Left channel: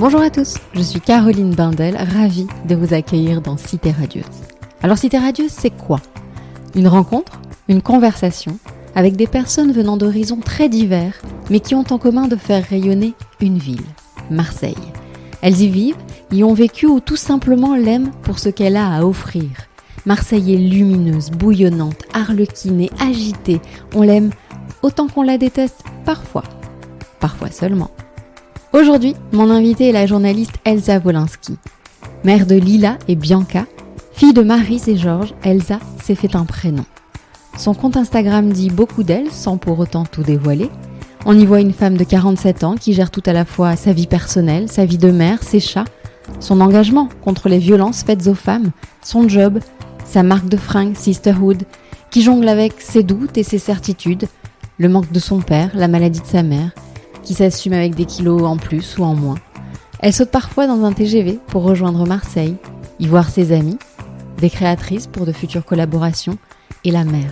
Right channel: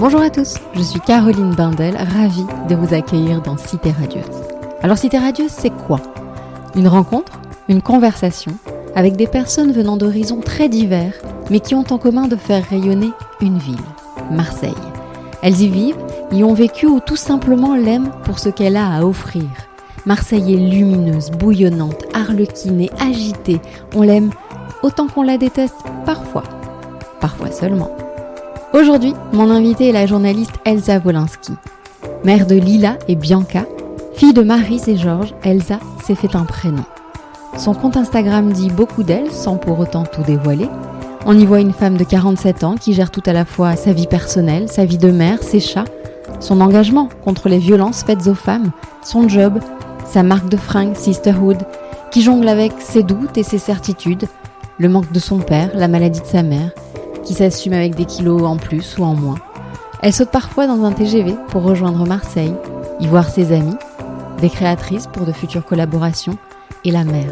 Bonjour à tous, je suis Caroline Bindel, ravie de vous accueillir dans Cité Radieuse. Alors Cité Radieuse, c'est quoi ? Une rencontre, une conversation avec des personnes venant d'horizons très divers, mais qui ont en commun de faire rayonner une ville, Marseille. Elles y vivent, y ont vécu ou tout simplement l'aiment pour ce qu'elle a à offrir. Marseille est lumineuse, bouillonnante, arlequinée, agitée. On l'aime autant qu'on la déteste parfois seulement. Aujourd'hui, mon invitée est la journaliste Elsa Wolinski. Mère de Lila et Bianca, fille de Maryse et Georges, Elsa s'est fait un prénom. Son compte Instagram dit beaucoup d'elle, sans pour autant tout dévoiler. On y voit une femme de 47 ans qui gère tout à la fois sa vie personnelle, sa vie de mère, ses chats, son engagement contre les violences faites aux femmes, son job, sa marque de fringues Sisterhood, qui jongle avec ses doutes et ses certitudes, le manque de son père, la maladie de sa mère, qui s'assume avec des kilos en plus ou en moins. Elle saute parfois dans un TGV pour rejoindre Marseille, y voir ses amis, des créatrices pour de futures collaborations, et la mer,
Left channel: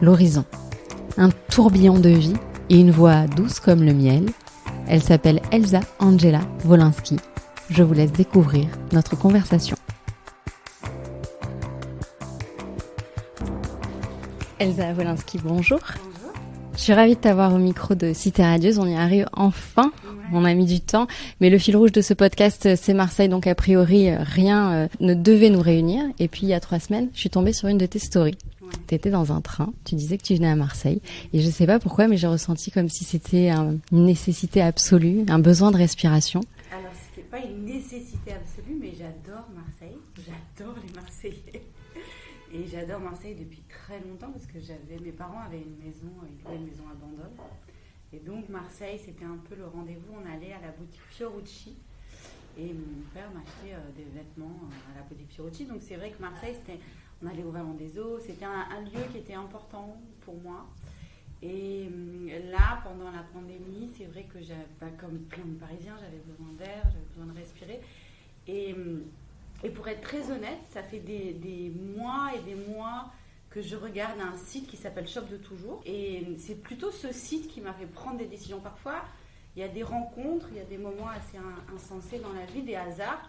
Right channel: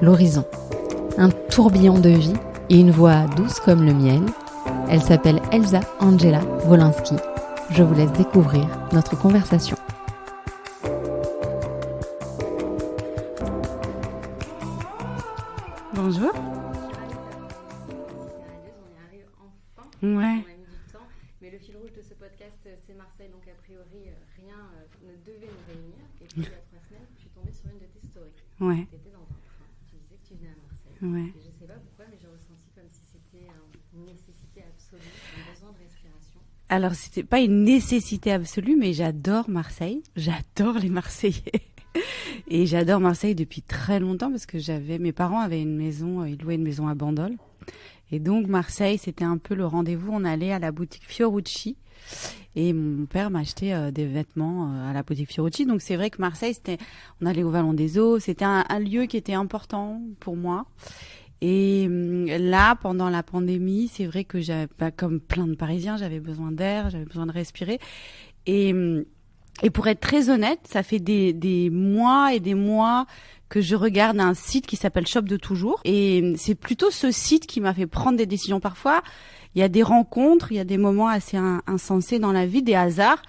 l'horizon. Un tourbillon de vie et une voix douce comme le miel. Elle s'appelle Elsa Angela Wolinski. Je vous laisse découvrir notre conversation. Elsa Wolinski, bonjour. Bonjour. Je suis ravie de t'avoir au micro de Cité Radieuse. On y arrive enfin. Ouais. On a mis du temps. Mais le fil rouge de ce podcast, c'est Marseille. Donc, a priori, rien ne devait nous réunir. Et puis, il y a 3 semaines, je suis tombée sur une de tes stories. Ouais. Tu étais dans un train. Tu disais que tu venais à Marseille. Ouais. Et je ne sais pas pourquoi, mais j'ai ressenti comme si c'était une nécessité absolue, un besoin de respiration. Alors, c'était pas une nécessité absolue, mais j'adore Marseille. J'adore les Marseillais. Et j'adore Marseille depuis très longtemps parce que mes parents avaient une maison, ils louaient une maison à Bandol. Et donc Marseille, c'était un peu le rendez-vous. On allait à la boutique Fiorucci et mon père m'achetait des vêtements à la boutique Fiorucci. Donc c'est vrai que Marseille, on allait au Vallon des Eaux, c'était un lieu qui était important pour moi. Et là, pendant la pandémie, c'est vrai que comme plein de Parisiens, j'avais besoin d'air, j'avais besoin de respirer. Et pour être très honnête, ça fait des mois et des mois que je regarde un site qui s'appelle Shop de Toujours. Et c'est plutôt ce site qui m'a fait prendre des décisions. Parfois, il y a des rencontres, il y a des moments assez insensés dans la vie, des hasards.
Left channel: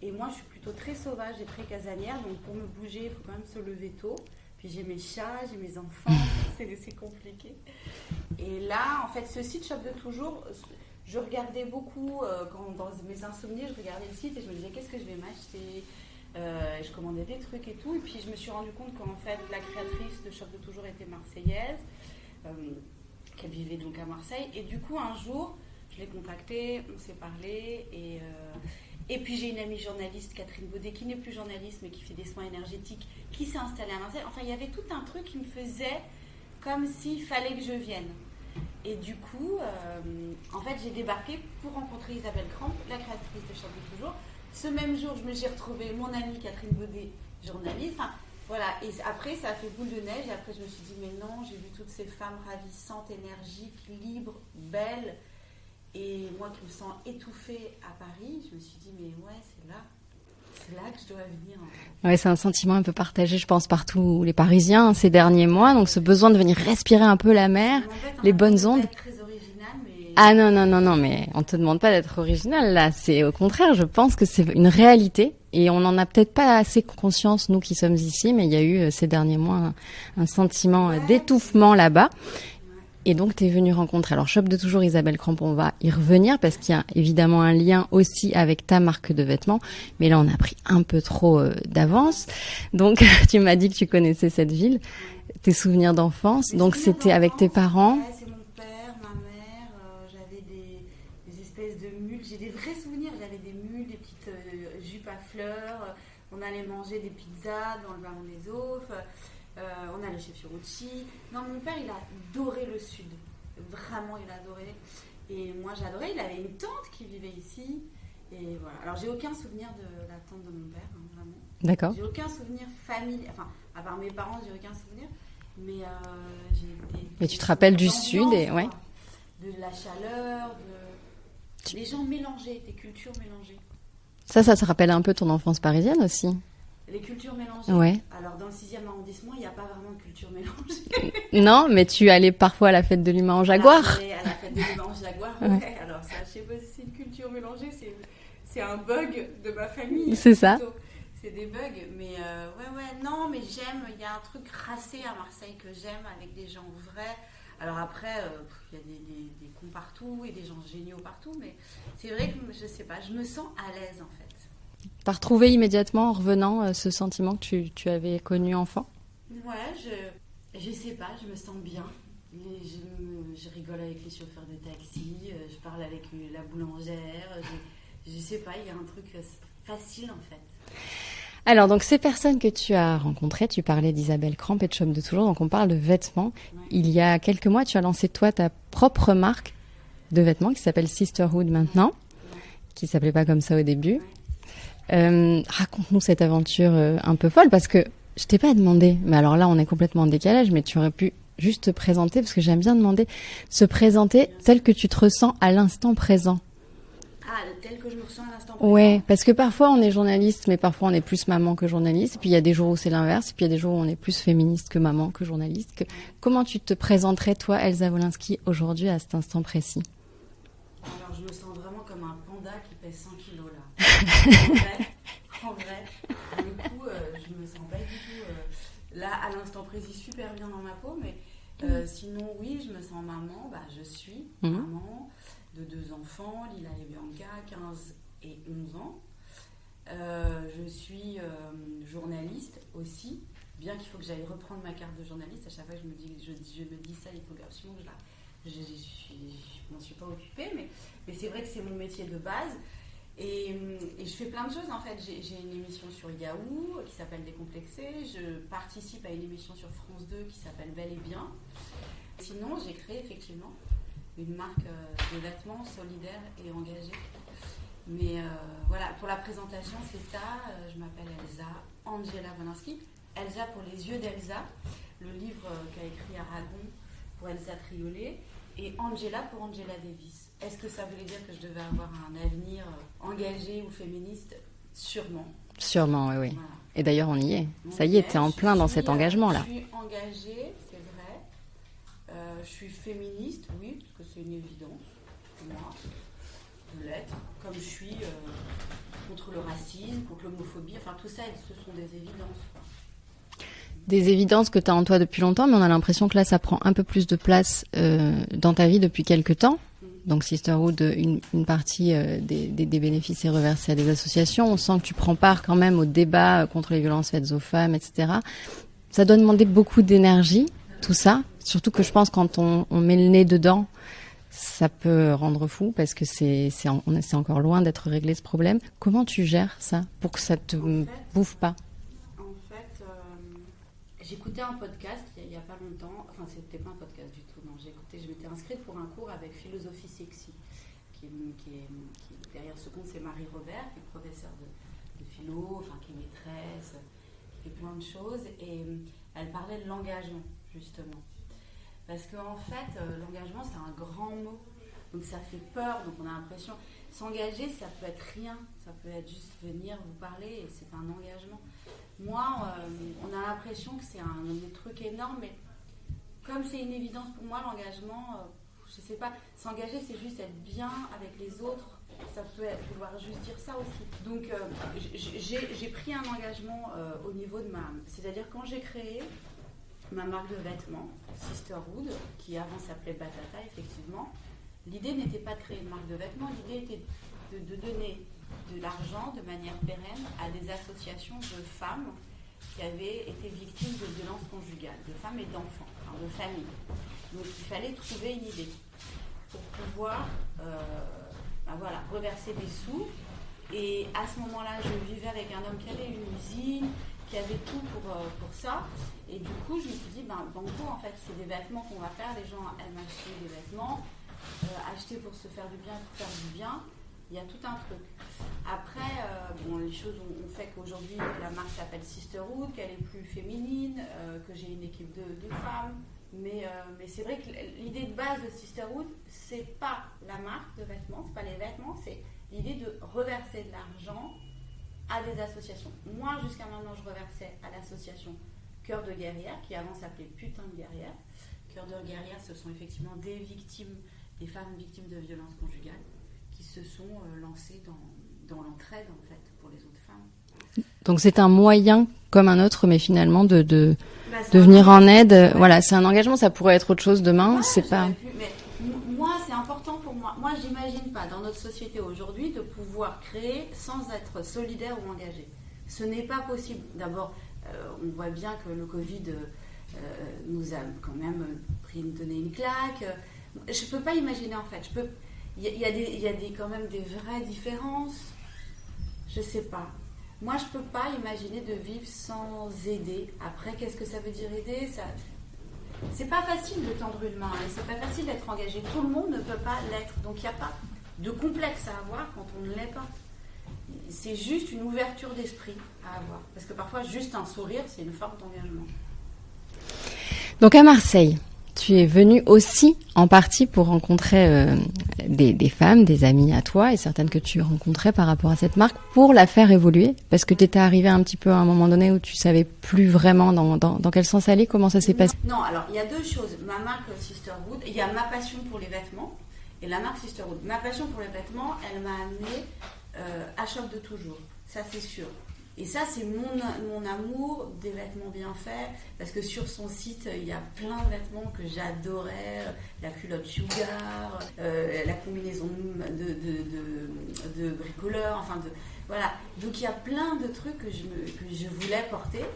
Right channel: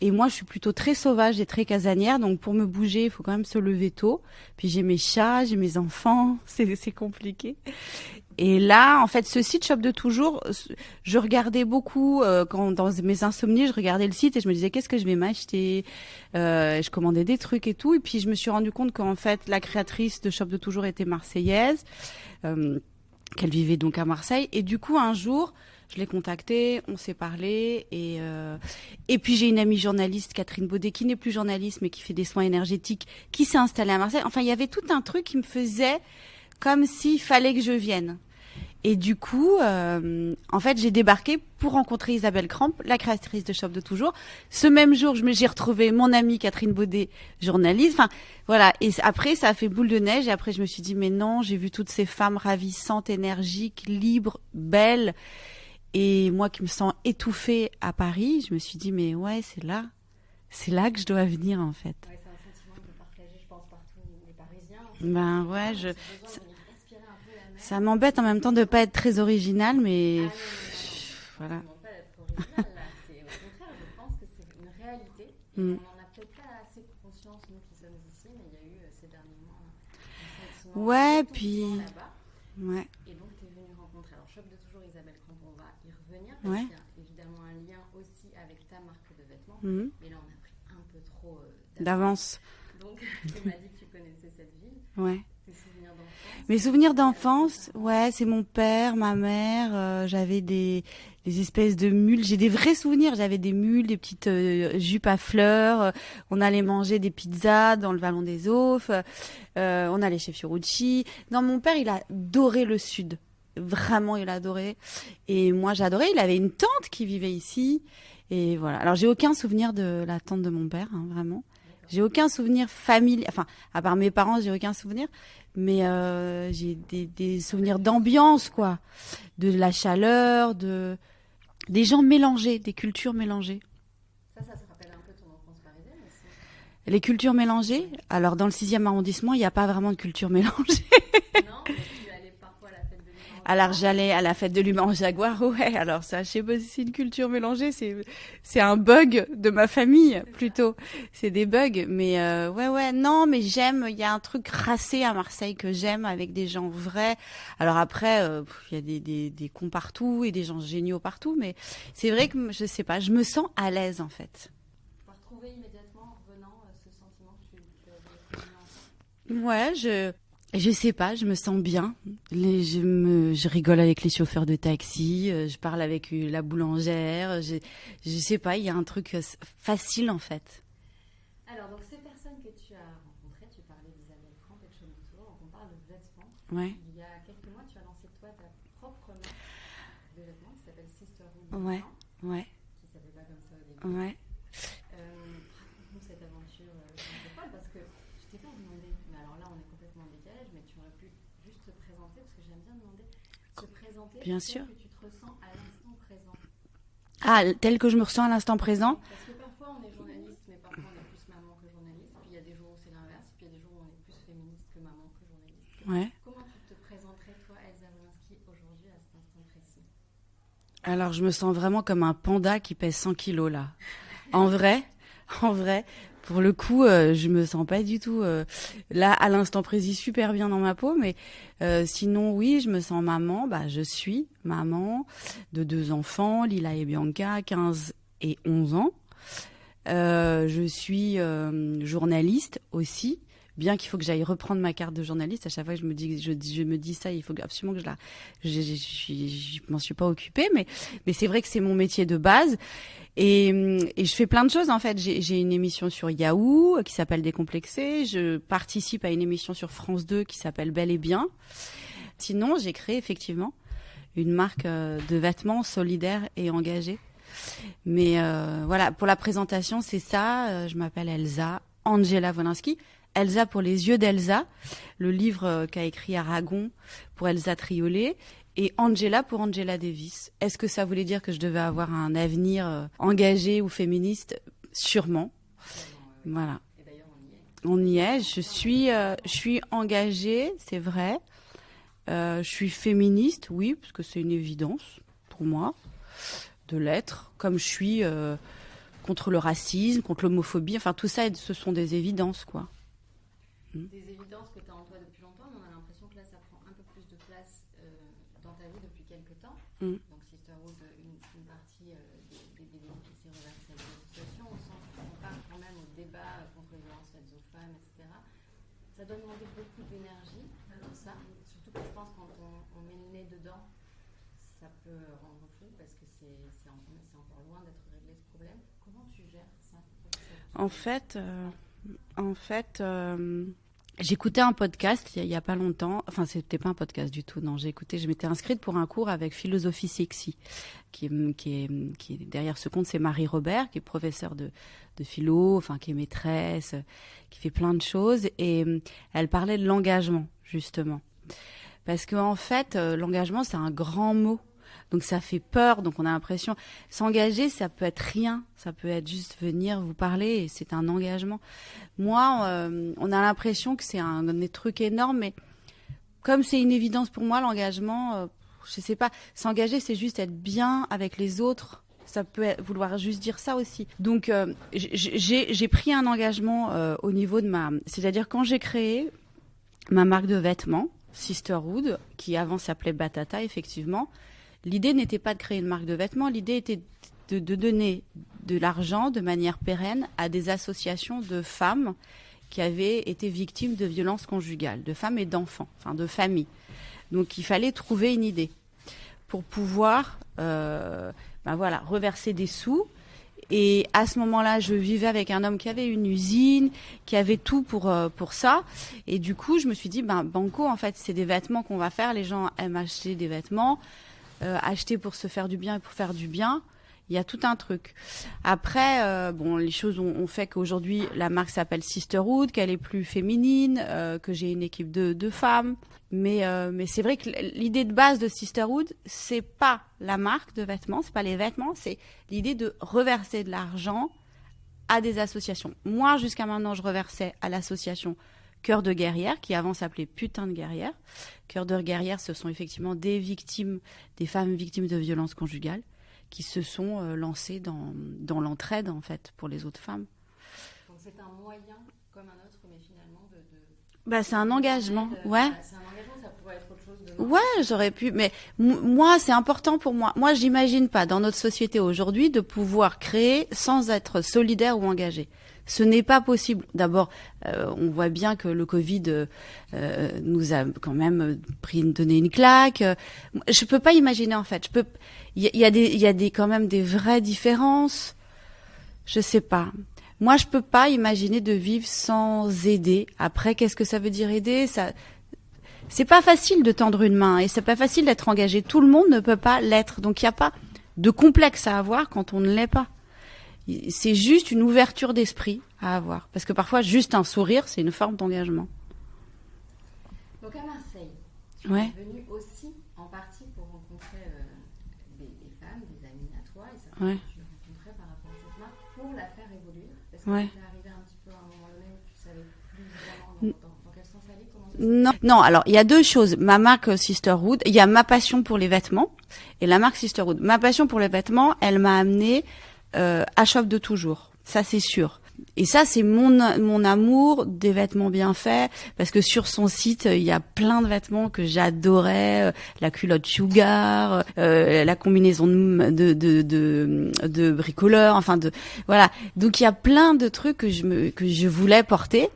Et moi, je suis plutôt très sauvage et très casanière. Donc, pour me bouger, il faut quand même se lever tôt. Puis, j'ai mes chats, j'ai mes enfants. C'est compliqué. Et là, en fait, ce site Shop de Toujours, je regardais beaucoup. Dans mes insomnies, je regardais le site et je me disais, qu'est-ce que je vais m'acheter ? Je commandais des trucs et tout. Et puis, je me suis rendu compte qu'en fait, la créatrice de Shop de Toujours était marseillaise. Qu'elle vivait donc à Marseille. Et du coup, un jour, je l'ai contactée, on s'est parlé et puis j'ai une amie journaliste, Catherine Baudet, qui n'est plus journaliste mais qui fait des soins énergétiques, qui s'est installée à Marseille. Enfin, il y avait tout un truc qui me faisait comme s'il fallait que je vienne. Et du coup, en fait, j'ai débarqué pour rencontrer Isabelle Cramp, la créatrice de Shop de Toujours. Ce même jour, j'ai retrouvé mon amie Catherine Baudet, journaliste. Enfin, voilà. Et après, ça a fait boule de neige. Et après, je me suis dit, mais non, j'ai vu toutes ces femmes ravissantes, énergiques, libres, belles. Et moi qui me sens étouffée à Paris, je me suis dit, mais ouais, c'est là que je dois venir en fait. Ouais, c'est un sentiment un peu partagé, je pense, par tous les Parisiens ces derniers mois. Donc ce besoin de venir respirer un peu la mer. Ça m'embête en même temps de ne pas être très originale, mais... Ah non, mais on ne te demande pas d'être originale là. C'est au contraire, je pense que c'est une réalité. Et on n'en a peut-être pas assez conscience, nous qui sommes ici, mais il y a eu ces derniers mois un sentiment d'étouffement là-bas. Ouais. Et donc, tu es venue rencontrer. Alors, Shop de Toujours, Isabelle Cramp, on va y revenir parce qu'il y a évidemment un lien aussi avec ta marque de vêtements. Mais là, on a pris un peu trop d'avance. Donc, tu m'as dit que tu connaissais cette ville. Ouais. Tes souvenirs d'enfance. Donc, c'était avec tes parents. Ouais, c'est mon père, ma mère. J'avais des espèces de mules. J'ai des vrais souvenirs. J'avais des mules, des petites jupes à fleurs. On allait manger des pizzas dans le Vallon des Eaux. On allait chez Fiorucci. Non, mon père, il a adoré le Sud. Vraiment, il a adoré. Et moi, j'adorais. Il avait une tante qui vivait ici. Et voilà. Alors, j'ai aucun souvenir de la tante de mon père, hein, vraiment. D'accord. J'ai aucun souvenir familial. Enfin, à part mes parents, j'ai aucun souvenir. Mais j'ai des tu te rappelles du d'ambiance, Sud, quoi. Ouais. De la chaleur, des gens mélangés, des cultures mélangées. Ça te rappelle un peu ton enfance parisienne aussi ? Les cultures mélangées. Ouais. Alors, dans le 6e arrondissement, il n'y a pas vraiment de culture mélangée. Non, mais tu allais parfois à la fête de l'humain en Jaguar. Alors, j'allais à la fête de l'humain en Jaguar, ouais. Alors, ça, je sais pas si c'est une culture mélangée, c'est un bug de ma famille. C'est plutôt. ça. C'est des bugs. Mais ouais, non, mais j'aime, il y a un truc racé à Marseille que j'aime avec des gens vrais. Alors après, il y a des cons partout et des gens géniaux partout, mais c'est vrai que, je sais pas, je me sens à l'aise, en fait. T'as retrouvé immédiatement en revenant ce sentiment que tu avais connu enfant? Ouais, je sais pas, je me sens bien. Je rigole avec les chauffeurs de taxi, je parle avec la boulangère. Je sais pas, il y a un truc facile en fait. Alors, donc, ces personnes que tu as rencontrées, tu parlais d'Isabelle Cramp et de Shop de Toujours, donc on parle de vêtements. Ouais. Il y a quelques mois, tu as lancé, toi, ta propre marque de vêtements qui s'appelle Sisterhood maintenant, Ouais. qui s'appelait pas comme ça au début. Ouais. Raconte-nous cette aventure un peu folle, parce que je t'ai pas demandé, mais alors là, on est complètement en décalage, mais tu aurais pu juste te présenter, parce que j'aime bien demander, se présenter Bien tel sûr. que tu te ressens à l'instant présent. Ah, tel que je me ressens à l'instant présent. Ouais, parce que parfois on est journaliste, mais parfois on est plus maman que journaliste. Et puis il y a des jours où c'est l'inverse. Et puis il y a des jours où on est plus féministe que maman que journaliste. Ouais. Comment tu te présenterais, toi, Elsa Wolinski, aujourd'hui, à cet instant précis? Alors, je me sens vraiment comme un panda qui pèse 100 kilos, là. En vrai, pour le coup, je me sens pas du tout, là, à l'instant précis, super bien dans ma peau, mais sinon, oui, je me sens maman. Bah, je suis maman de 2 enfants, Lila et Bianca, 15 et 11 ans. Je suis journaliste aussi. Bien qu'il faut que j'aille reprendre ma carte de journaliste, à chaque fois que je me dis ça, il faut absolument que je m'en suis pas occupée, mais c'est vrai que c'est mon métier de base. Et je fais plein de choses en fait. J'ai une émission sur Yahoo qui s'appelle Décomplexé. Je participe à une émission sur France 2 qui s'appelle Bel et Bien. Sinon, j'ai créé effectivement une marque de vêtements solidaire et engagée. Mais voilà, pour la présentation, c'est ça. Je m'appelle Elsa Angela Wolinski. Elsa pour les yeux d'Elsa, le livre qu'a écrit Aragon pour Elsa Triolet, et Angela pour Angela Davis. Est-ce que ça voulait dire que je devais avoir un avenir engagé ou féministe? Sûrement. Sûrement, oui. Voilà. Et d'ailleurs, on y est. On ça y y est, t'es en plein dans cet engagement-là. Je suis engagée, c'est vrai. Je suis féministe, oui, parce que c'est une évidence pour moi de l'être. Comme je suis contre le racisme, contre l'homophobie, enfin tout ça, ce sont des évidences, quoi. Des évidences que tu as en toi depuis longtemps, mais on a l'impression que là, ça prend un peu plus de place dans ta vie depuis quelques temps. Donc Sisterhood, une partie des bénéfices est reversée à des associations. On sent que tu prends part quand même au débat contre les violences faites aux femmes, etc. Ça doit demander beaucoup d'énergie, tout ça. Surtout que je pense quand on met le nez dedans, ça peut rendre fou parce que c'est encore loin d'être réglé ce problème. Comment tu gères ça pour que ça te bouffe pas? En fait, j'écoutais un podcast il y a pas longtemps. Enfin, c'était pas un podcast du tout. Non, je m'étais inscrite pour un cours avec Philosophie Sexy, qui est derrière ce compte, c'est Marie Robert, qui est professeure de philo, enfin qui est maîtresse, qui fait plein de choses, et elle parlait de l'engagement justement, parce que en fait, l'engagement c'est un grand mot. Donc ça fait peur, donc on a l'impression... S'engager, ça peut être rien, ça peut être juste venir vous parler, et c'est un engagement. Moi, on a l'impression que c'est un truc énorme, mais comme c'est une évidence pour moi, l'engagement, je sais pas, s'engager, c'est juste être bien avec les autres. Ça peut vouloir juste dire ça aussi. Donc, j'ai pris un engagement au niveau de C'est-à-dire, quand j'ai créé ma marque de vêtements, Sisterhood, qui avant s'appelait Batata, effectivement, l'idée n'était pas de créer une marque de vêtements, l'idée était de donner de l'argent de manière pérenne à des associations de femmes qui avaient été victimes de violences conjugales, de femmes et d'enfants, enfin de familles. Donc il fallait trouver une idée pour pouvoir reverser des sous. Et à ce moment-là, je vivais avec un homme qui avait une usine, qui avait tout pour ça. Et du coup, je me suis dit, banco, en fait, c'est des vêtements qu'on va faire. Les gens aiment acheter des vêtements. Acheter pour se faire du bien et pour faire du bien, il y a tout un truc. Après, les choses ont fait qu'aujourd'hui, la marque s'appelle Sisterhood, qu'elle est plus féminine, que j'ai une équipe de femmes. Mais c'est vrai que l'idée de base de Sisterhood, c'est pas la marque de vêtements, c'est pas les vêtements, c'est l'idée de reverser de l'argent à des associations. Moi, jusqu'à maintenant, je reversais à l'association Cœur de Guerrière, qui avant s'appelait Putain de Guerrière. Cœur de Guerrière, ce sont effectivement des femmes victimes de violences conjugales qui se sont lancées dans l'entraide, en fait, pour les autres femmes. Donc c'est un moyen comme un autre, mais finalement de venir en aide. Ouais. Voilà, c'est un engagement. Ça pourrait être autre chose demain. Ouais, j'aurais pu. Mais moi, c'est important pour moi. Moi, j'imagine pas dans notre société aujourd'hui de pouvoir créer sans être solidaire ou engagé. Ce n'est pas possible. D'abord, on voit bien que le Covid nous a quand même donné une claque. Je peux pas imaginer en fait. Il y a quand même des vraies différences. Je sais pas. Moi, je peux pas imaginer de vivre sans aider. Après, qu'est-ce que ça veut dire aider ? C'est pas facile de tendre une main et c'est pas facile d'être engagé. Tout le monde ne peut pas l'être. Donc, il n'y a pas de complexe à avoir quand on ne l'est pas. C'est juste une ouverture d'esprit à avoir. Parce que parfois, juste un sourire, c'est une forme d'engagement. Donc, à Marseille, tu es venue aussi en partie pour rencontrer des femmes, des amies à toi et certaines que tu rencontrais par rapport à cette marque pour la faire évoluer. Parce que tu étais arrivée un petit peu à un moment donné où tu savais plus vraiment dans quel sens aller. Comment ça s'est passé ? Non, alors il y a deux choses. Ma marque Sisterhood, il y a ma passion pour les vêtements et la marque Sisterhood. Ma passion pour les vêtements, elle m'a amenée à Shop de toujours. Ça, c'est sûr. Et ça, c'est mon amour des vêtements bien faits, parce que sur son site, il y a plein de vêtements que j'adorais, la culotte Sugar, la combinaison de bricoleur, voilà. Donc il y a plein de trucs que je voulais porter,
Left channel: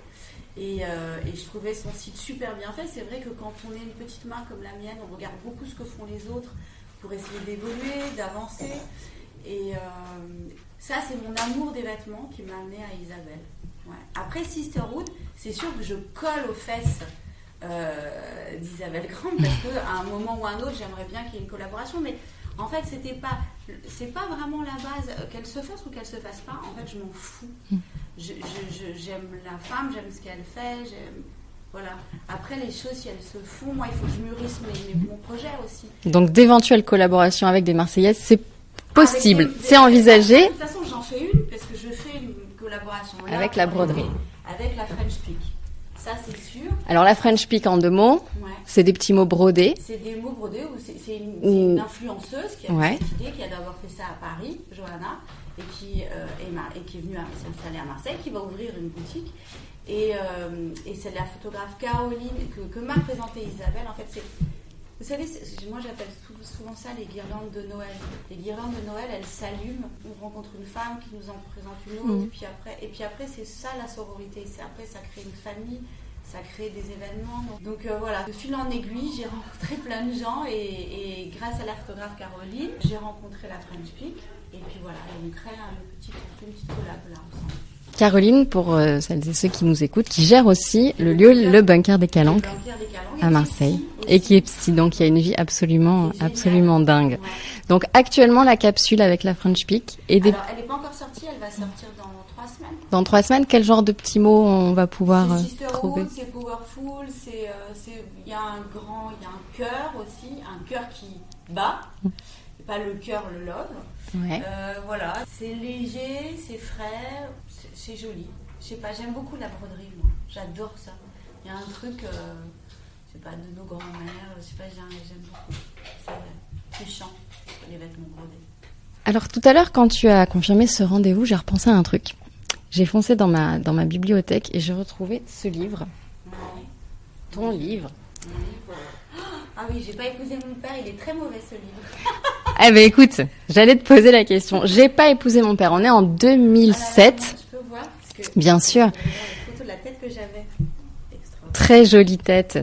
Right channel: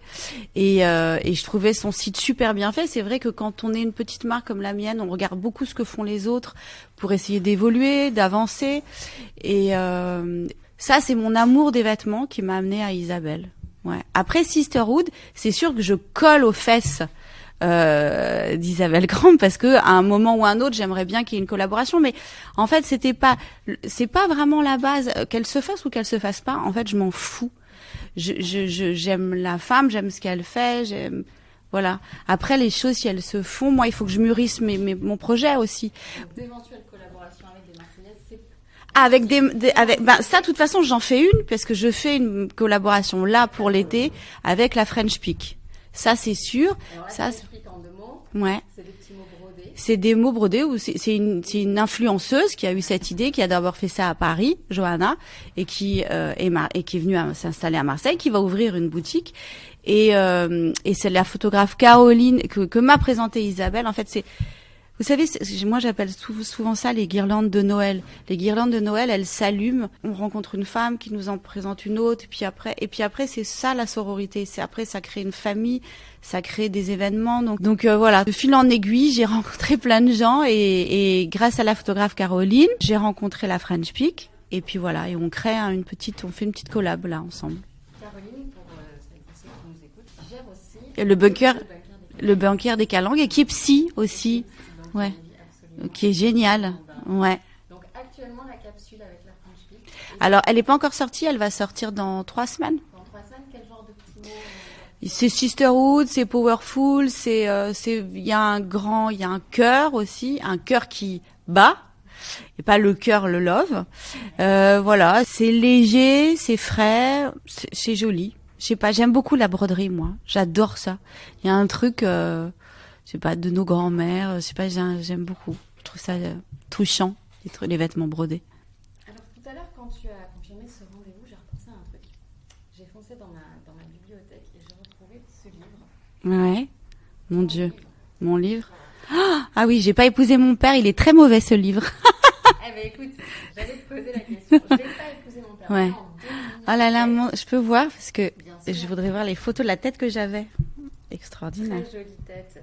et je trouvais son site super bien fait. C'est vrai que quand on est une petite marque comme la mienne, on regarde beaucoup ce que font les autres pour essayer d'évoluer, d'avancer, et ça, c'est mon amour des vêtements qui m'a amenée à Isabelle. Ouais. Après Sisterhood, c'est sûr que je colle aux fesses d'Isabelle Grand parce que à un moment ou un autre, j'aimerais bien qu'il y ait une collaboration. Mais en fait, c'est pas vraiment la base. Qu'elle se fasse ou qu'elle se fasse pas, en fait, je m'en fous. J'aime la femme, j'aime ce qu'elle fait, voilà. Après, les choses, si elles se font, moi, il faut que je mûrisse mon projet aussi. Donc, d'éventuelles collaborations avec des Marseillaises, c'est possible, c'est envisagé. Ça, de toute façon, j'en fais une parce que je fais une collaboration là avec pour l'été avec la French Peak. Ça, c'est sûr. Alors, la French Peak, en 2 mots, c'est des petits mots brodés. C'est des mots brodés où c'est une influenceuse qui a eu cette idée, qui a d'abord fait ça à Paris, Johanna, et qui est venue s'installer à Marseille, qui va ouvrir une boutique. Et c'est la photographe Caroline que m'a présentée Isabelle. En fait, vous savez, moi j'appelle souvent ça les guirlandes de Noël. Les guirlandes de Noël, elles s'allument. On rencontre une femme qui nous en présente une autre, et puis après c'est ça la sororité. Après ça crée une famille, ça crée des événements. Donc voilà, de fil en aiguille, j'ai rencontré plein de gens et grâce à la photographe Caroline, j'ai rencontré la French Peak. Et puis voilà, et on fait une petite collab là ensemble. Caroline, pour celles et ceux qui nous écoutent, qui gère aussi le bunker des Calanques. Le bunker des Calanques, et qui est psy aussi. Et qui est psy, donc il y a une vie absolument dingue. Ouais. Donc actuellement, la capsule avec la French Peak. Alors, elle n'est pas encore sortie, elle va sortir dans 3 semaines. Dans 3 semaines, quel genre de petits mots on va pouvoir C'est Sisterhood, c'est Powerful, il y a un cœur aussi, un cœur qui bat. Et pas le cœur, le love. Voilà, c'est léger, c'est frais, c'est joli. Je sais pas, j'aime beaucoup la broderie, moi. J'adore ça. Il y a un truc, je sais pas, de nos grands-mères. Je sais pas, j'aime beaucoup. Je trouve ça touchant, les vêtements brodés. Alors tout à l'heure, quand tu as confirmé ce rendez-vous, j'ai repensé à un truc. J'ai foncé dans ma bibliothèque et j'ai retrouvé ce livre. Ouais. Mon livre. Mon livre. Ah oui, j'ai pas épousé mon père, il est très mauvais ce livre. Eh ben écoute, j'allais te poser la question. J'ai pas épousé mon père. On est en 2007. Oh là là, je peux voir parce que bien sûr. Je voudrais voir les photos de la tête que j'avais. Extraordinaire. Très jolie tête,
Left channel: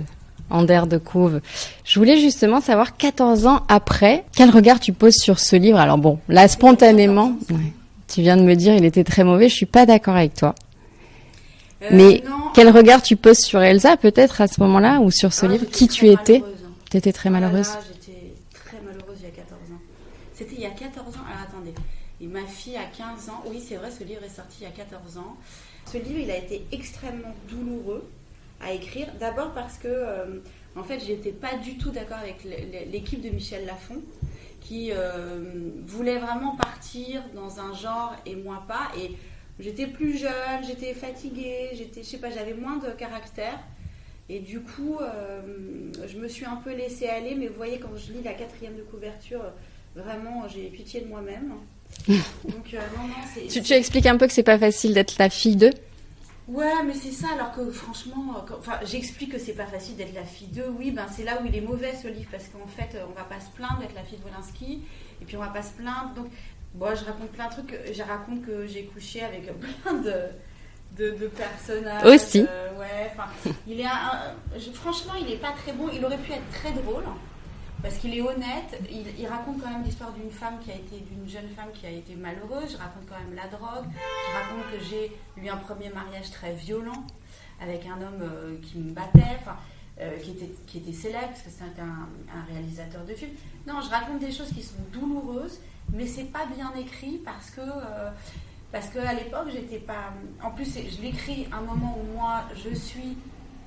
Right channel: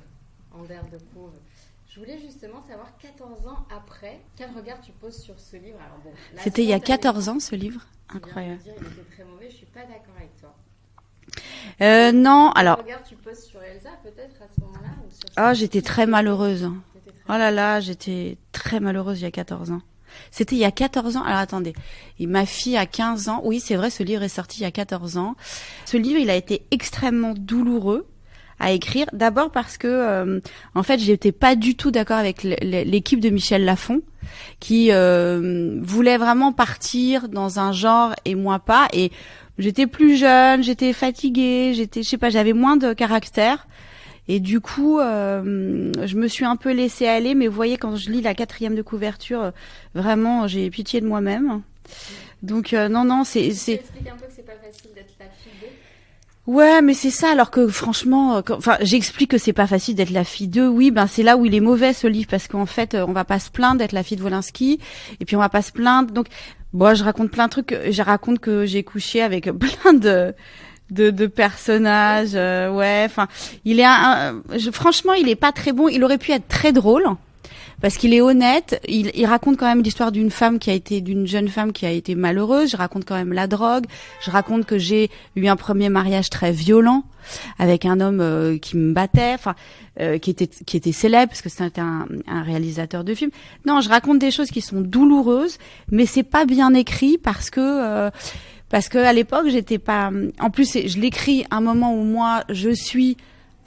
Ander de Couve. Je voulais justement savoir 14 ans après, quel regard tu poses sur ce livre. Alors bon, là spontanément, il y a 14 ans, ce livre. Tu viens de me dire il était très mauvais. Je suis pas d'accord avec toi. Mais non, quel regard tu poses sur Elsa peut-être à ce moment-là ou sur ce livre? J'étais très malheureuse. T'étais très malheureuse. Oh là là, j'étais très malheureuse il y a 14 ans. C'était il y a 14 ans. Alors attendez, ma fille a 15 ans. Oui, c'est vrai, ce livre est sorti il y a 14 ans. Ce livre, il a été extrêmement douloureux à écrire. D'abord parce que, en fait, j'étais pas du tout d'accord avec l'équipe de Michel Lafon, qui voulait vraiment partir dans un genre et moi pas. Et j'étais plus jeune, j'étais fatiguée, je sais pas, j'avais moins de caractère. Et du coup, je me suis un peu laissée aller. Mais vous voyez, quand je lis la 4e de couverture, vraiment, j'ai pitié de moi-même. Donc, non, c'est... Tu expliques un peu que c'est pas facile d'être la fille d'eux. Ouais, mais c'est ça, alors que franchement, j'explique que c'est pas facile d'être la fille d'eux. Oui, ben c'est là où il est mauvais ce livre, parce qu'en fait, on va pas se plaindre d'être la fille de Wolinski, et puis on va pas se plaindre. Donc, bon, je raconte plein de trucs. Je raconte que j'ai couché avec plein de personnages. Aussi. Ouais, enfin, il est franchement, il est pas très bon. Il aurait pu être très drôle. Parce qu'il est honnête, il raconte quand même l'histoire d'une jeune femme qui a été malheureuse. Je raconte quand même la drogue. Je raconte que j'ai eu un premier mariage très violent avec un homme qui me battait, qui était célèbre parce que c'était un réalisateur de films. Non, je raconte des choses qui sont douloureuses, mais c'est pas bien écrit parce que à l'époque j'étais pas. En plus, je l'écris à un moment où moi je suis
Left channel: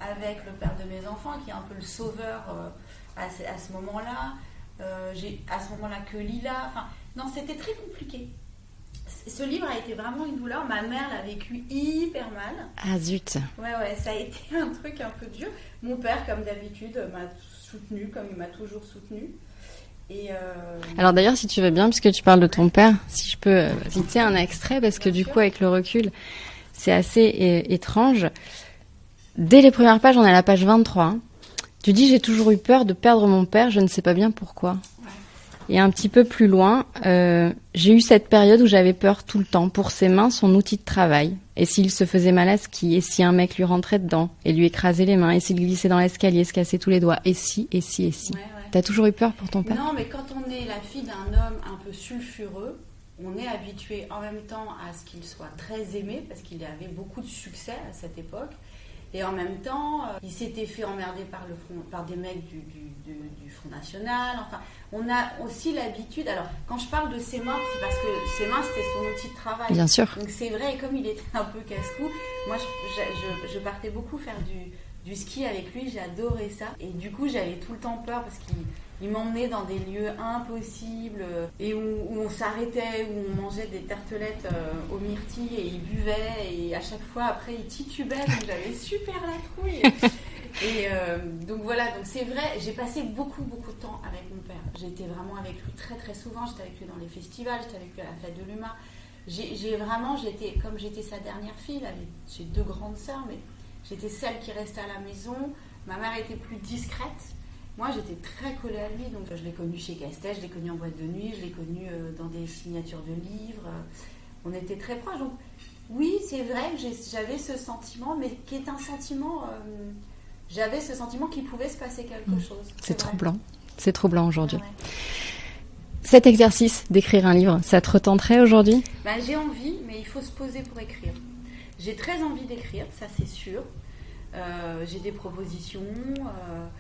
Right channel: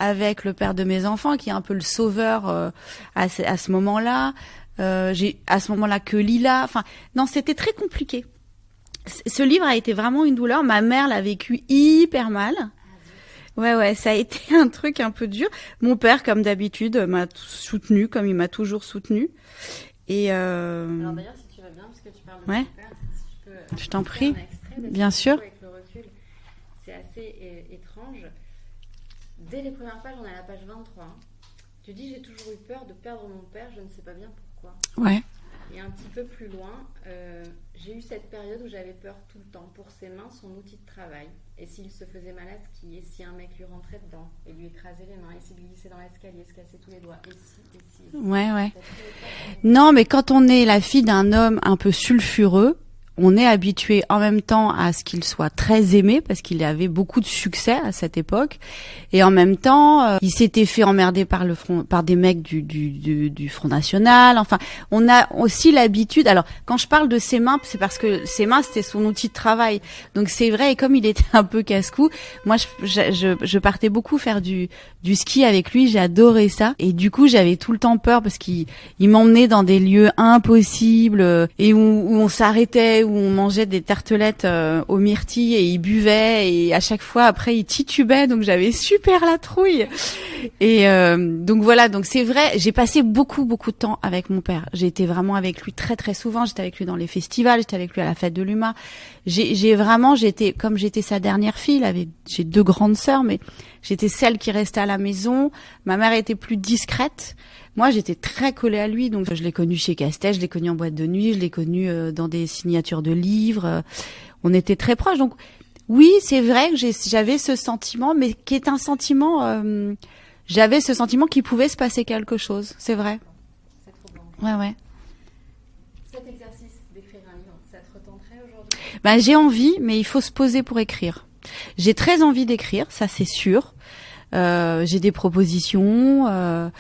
avec le père de mes enfants, qui est un peu le sauveur à ce moment-là. J'ai à ce moment-là que Lila. Enfin, non, c'était très compliqué. Ce livre a été vraiment une douleur. Ma mère l'a vécu hyper mal. Ah zut. Ouais, ça a été un truc un peu dur. Mon père, comme d'habitude, m'a soutenu, comme il m'a toujours soutenu. Et Alors d'ailleurs, si tu veux bien, puisque tu parles de ton père, si je peux citer un extrait, parce bien que sûr. Du coup, avec le recul, c'est assez étrange. Dès les premières pages, on est à la page 23. Hein. Tu dis, j'ai toujours eu peur de perdre mon père, je ne sais pas bien pourquoi. Ouais. Et un petit peu plus loin, j'ai eu cette période où j'avais peur tout le temps pour ses mains, son outil de travail. Et s'il se faisait mal à ski, et si un mec lui rentrait dedans et lui écrasait les mains, et s'il glissait dans l'escalier, se cassait tous les doigts, et si. Ouais. T'as toujours eu peur pour ton père? Non, mais quand on est la fille d'un homme un peu sulfureux, on est habitué en même temps à ce qu'il soit très aimé, parce qu'il avait beaucoup de succès à cette époque. Et en même temps, il s'était fait emmerder par des mecs du Front National. Enfin, on a aussi l'habitude. Alors, quand je parle de ses mains, c'est parce que ses mains, c'était son outil de travail. Bien sûr. Donc c'est vrai. Et comme il était un peu casse-cou, moi, je partais beaucoup faire du ski avec lui. J'adorais ça. Et du coup, j'avais tout le temps peur parce qu'il m'emmenait dans des lieux impossibles et où on s'arrêtait, où on mangeait des tartelettes aux myrtilles et il buvait. Et à chaque fois, après, il titubait. Donc j'avais super la trouille. Et donc voilà, donc c'est vrai, j'ai passé beaucoup de temps avec mon père. J'ai été vraiment avec lui très très souvent. J'étais avec lui dans les festivals, j'étais avec lui à la fête de l'UMA. Comme j'étais sa dernière fille. J'ai 2 grandes sœurs, mais j'étais celle qui restait à la maison. Ma mère était plus discrète. Moi, j'étais très collée à lui, donc je l'ai connu chez Castet, je l'ai connu en boîte de nuit, je l'ai connu dans des signatures de livres. On était très proches, donc oui, c'est vrai que j'avais ce sentiment, mais qui est un sentiment. J'avais ce sentiment qu'il pouvait se passer quelque chose. C'est vrai. C'est troublant aujourd'hui. Ouais. Cet exercice d'écrire un livre, ça te retenterait aujourd'hui? J'ai envie, mais il faut se poser pour écrire. J'ai très envie d'écrire, ça c'est sûr. J'ai des propositions,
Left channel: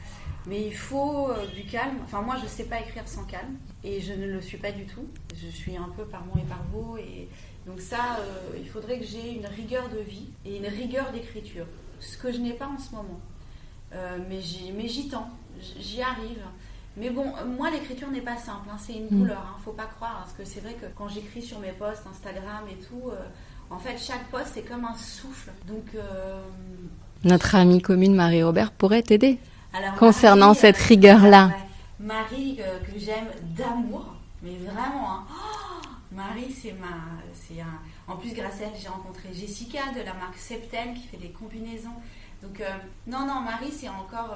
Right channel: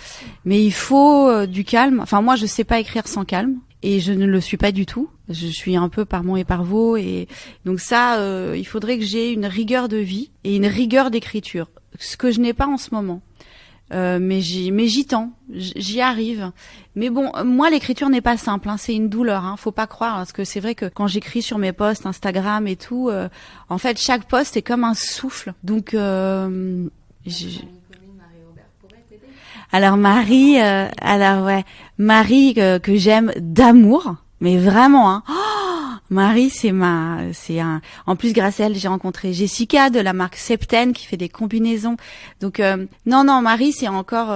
mais il faut du calme. Enfin, moi, je sais pas écrire sans calme. Et je ne le suis pas du tout. Je suis un peu par mon et par vos. Et donc ça, il faudrait que j'ai une rigueur de vie et une rigueur d'écriture. Ce que je n'ai pas en ce moment. Mais j'y tends. J'y arrive. Mais bon, moi, l'écriture n'est pas simple. C'est une douleur. Faut pas croire. Parce que c'est vrai que quand j'écris sur mes posts Instagram et tout, en fait, chaque post est comme un souffle. Donc... Notre amie commune Marie-Robert pourrait t'aider. Alors concernant Marie, cette rigueur-là. Marie que j'aime d'amour, mais vraiment. Hein. Marie, en plus grâce à elle, j'ai rencontré Jessica de la marque Septen qui fait des combinaisons. Donc non, Marie, c'est encore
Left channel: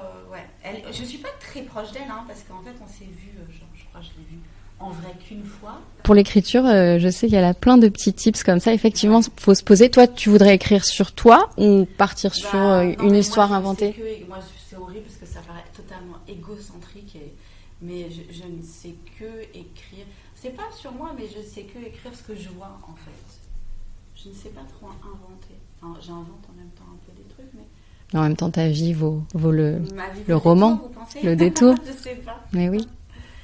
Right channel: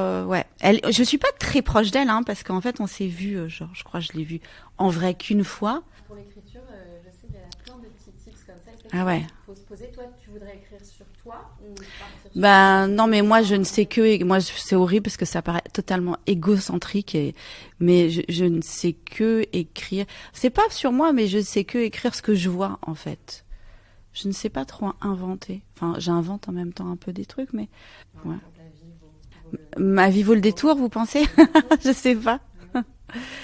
je suis pas très proche d'elle parce qu'en fait on s'est vu, je crois que je l'ai vue en vrai qu'une fois. Pour l'écriture, je sais qu'il y a plein de petits tips comme ça. Effectivement, faut se poser. Toi, tu voudrais écrire sur toi ou partir sur non, mais moi, je inventée? ne sais que... Moi, c'est horrible parce que ça paraît totalement égocentrique. Mais je ne sais que écrire. C'est pas sur moi, mais je ne sais que écrire ce que je vois, en fait. Je ne sais pas trop inventer. Enfin, j'invente en même temps un peu des trucs, mais... En même temps, ta vie vaut le... Ma vie vaut le roman, détour, vous pensez? Le détour. Je sais pas. Mais oui.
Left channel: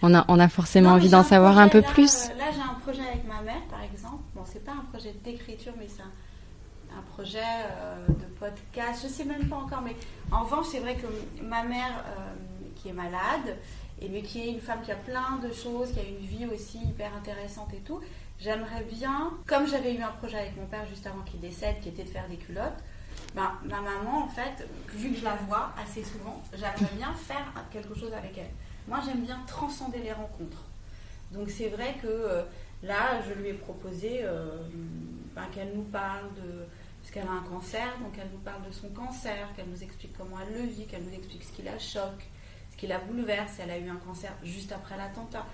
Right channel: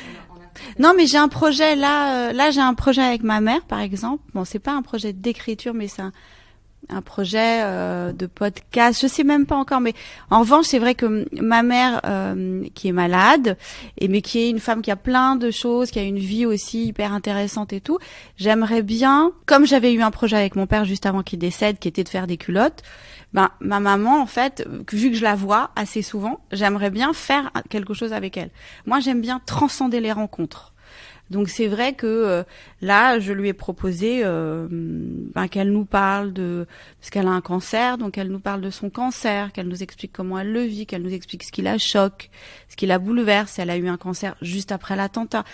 On a forcément envie d'en savoir un peu plus. Là, j'ai un projet avec ma mère, par exemple. Bon, c'est pas un projet d'écriture, mais un projet de podcast. Je sais même pas encore, mais en revanche, c'est vrai que ma mère, qui est malade, mais qui est une femme qui a plein de choses, qui a une vie aussi hyper intéressante et tout, j'aimerais bien, comme j'avais eu un projet avec mon père juste avant qu'il décède, qui était de faire des culottes, ma maman, en fait, vu que je la vois assez souvent, j'aimerais bien faire quelque chose avec elle. Moi, j'aime bien transcender les rencontres. Donc c'est vrai que là, je lui ai proposé qu'elle nous parle parce qu'elle a un cancer, donc elle nous parle de son cancer, qu'elle nous explique comment elle le vit, qu'elle nous explique ce qui la choque, ce qui la bouleverse. Elle a eu un cancer juste après l'attentat.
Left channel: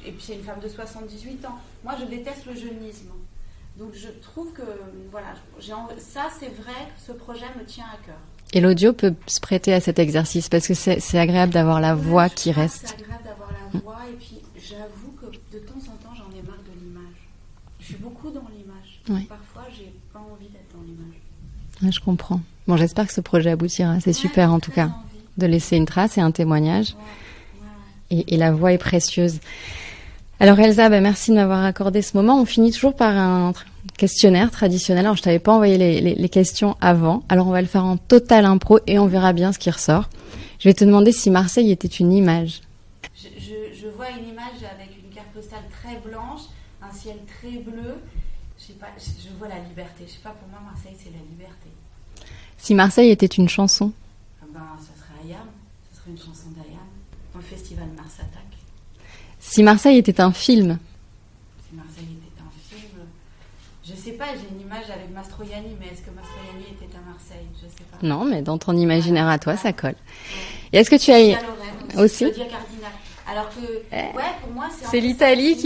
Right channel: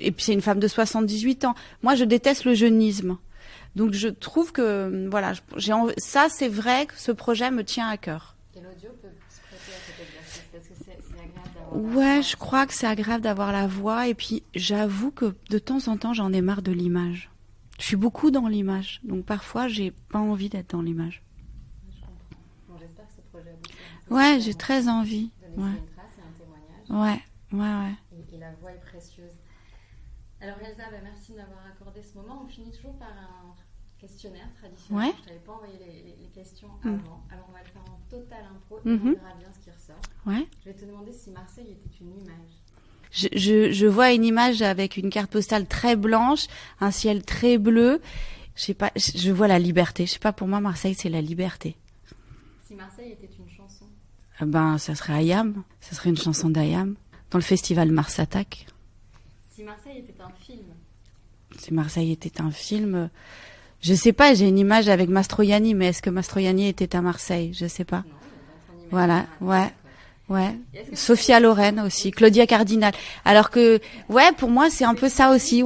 Et puis c'est une femme de 78 ans. Moi, je déteste le jeunisme. Donc je trouve que voilà, ça c'est vrai que ce projet me tient à cœur. Et l'audio peut se prêter à cet exercice parce que c'est agréable d'avoir la voix qui reste. Je crois que c'est agréable d'avoir la voix. Et puis, j'avoue que de temps en temps, j'en ai marre de l'image. Je suis beaucoup dans l'image. Donc, parfois, j'ai pas envie d'être dans l'image. Ouais, je comprends. Bon, j'espère que ce projet aboutira. C'est super, en tout cas, de laisser une trace et un témoignage. Ouais. Et la voix est précieuse. Alors, Elsa, merci de m'avoir accordé ce moment. On finit toujours par un questionnaire traditionnel. Alors, je t'avais pas envoyé les questions avant. Alors, on va le faire en total impro et on verra bien ce qui ressort. Ouais. Je vais te demander si Marseille était une image. Je vois une image avec une carte postale très blanche, un ciel très bleu. Je sais pas, je vois la liberté. Je sais pas, pour moi, Marseille, c'est la liberté. Si Marseille était une chanson? Ça serait Ayam. Ça serait une chanson d'Ayam. Dans le festival Mars Attack. Si Marseille était un film? Si Marseille était un film... Je sais pas, j'ai une image avec Mastroianni, mais est-ce que Mastroianni était à Marseille? Je sais pas. Non, mais dans ton imaginaire à toi, ça colle. Ouais. Et est-ce que tu Sophia Loren aussi, Claudia Cardinal. Alors que, pour moi, c'est un peu ça aussi.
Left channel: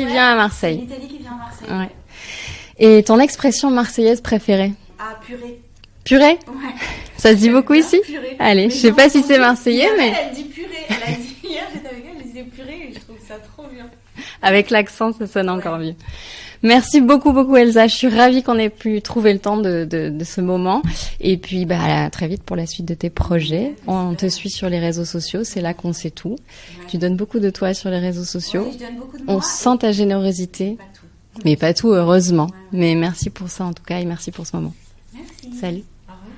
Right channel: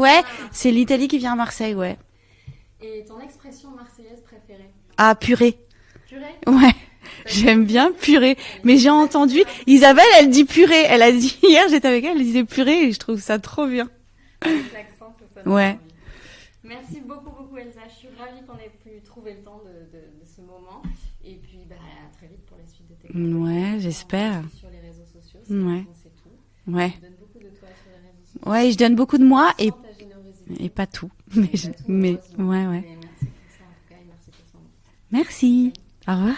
C'est l'Italie qui vient à Marseille, ouais. Et ton expression marseillaise préférée? Ah, purée. Purée? Ouais. Ça se dit beaucoup ici? Purée. Allez, mais je sais pas si c'est marseillais. Isabelle, elle dit purée. Elle a dit, hier, j'étais avec elle, elle disait purée et je trouve ça trop bien. Avec l'accent, ça sonne encore mieux. Merci beaucoup Elsa, je suis ravie qu'on ait pu trouver le temps de ce moment et puis à très vite pour la suite de tes projets. On te suit sur les réseaux sociaux, c'est là qu'on sait tout. Ouais. Tu donnes beaucoup de toi sur les réseaux sociaux. Oui, je donne beaucoup de moi. On sent ta générosité. Pas tout. Mais pas tout, heureusement. Mais merci pour ça en tout cas et merci pour ce moment. Merci. Salut. Au revoir.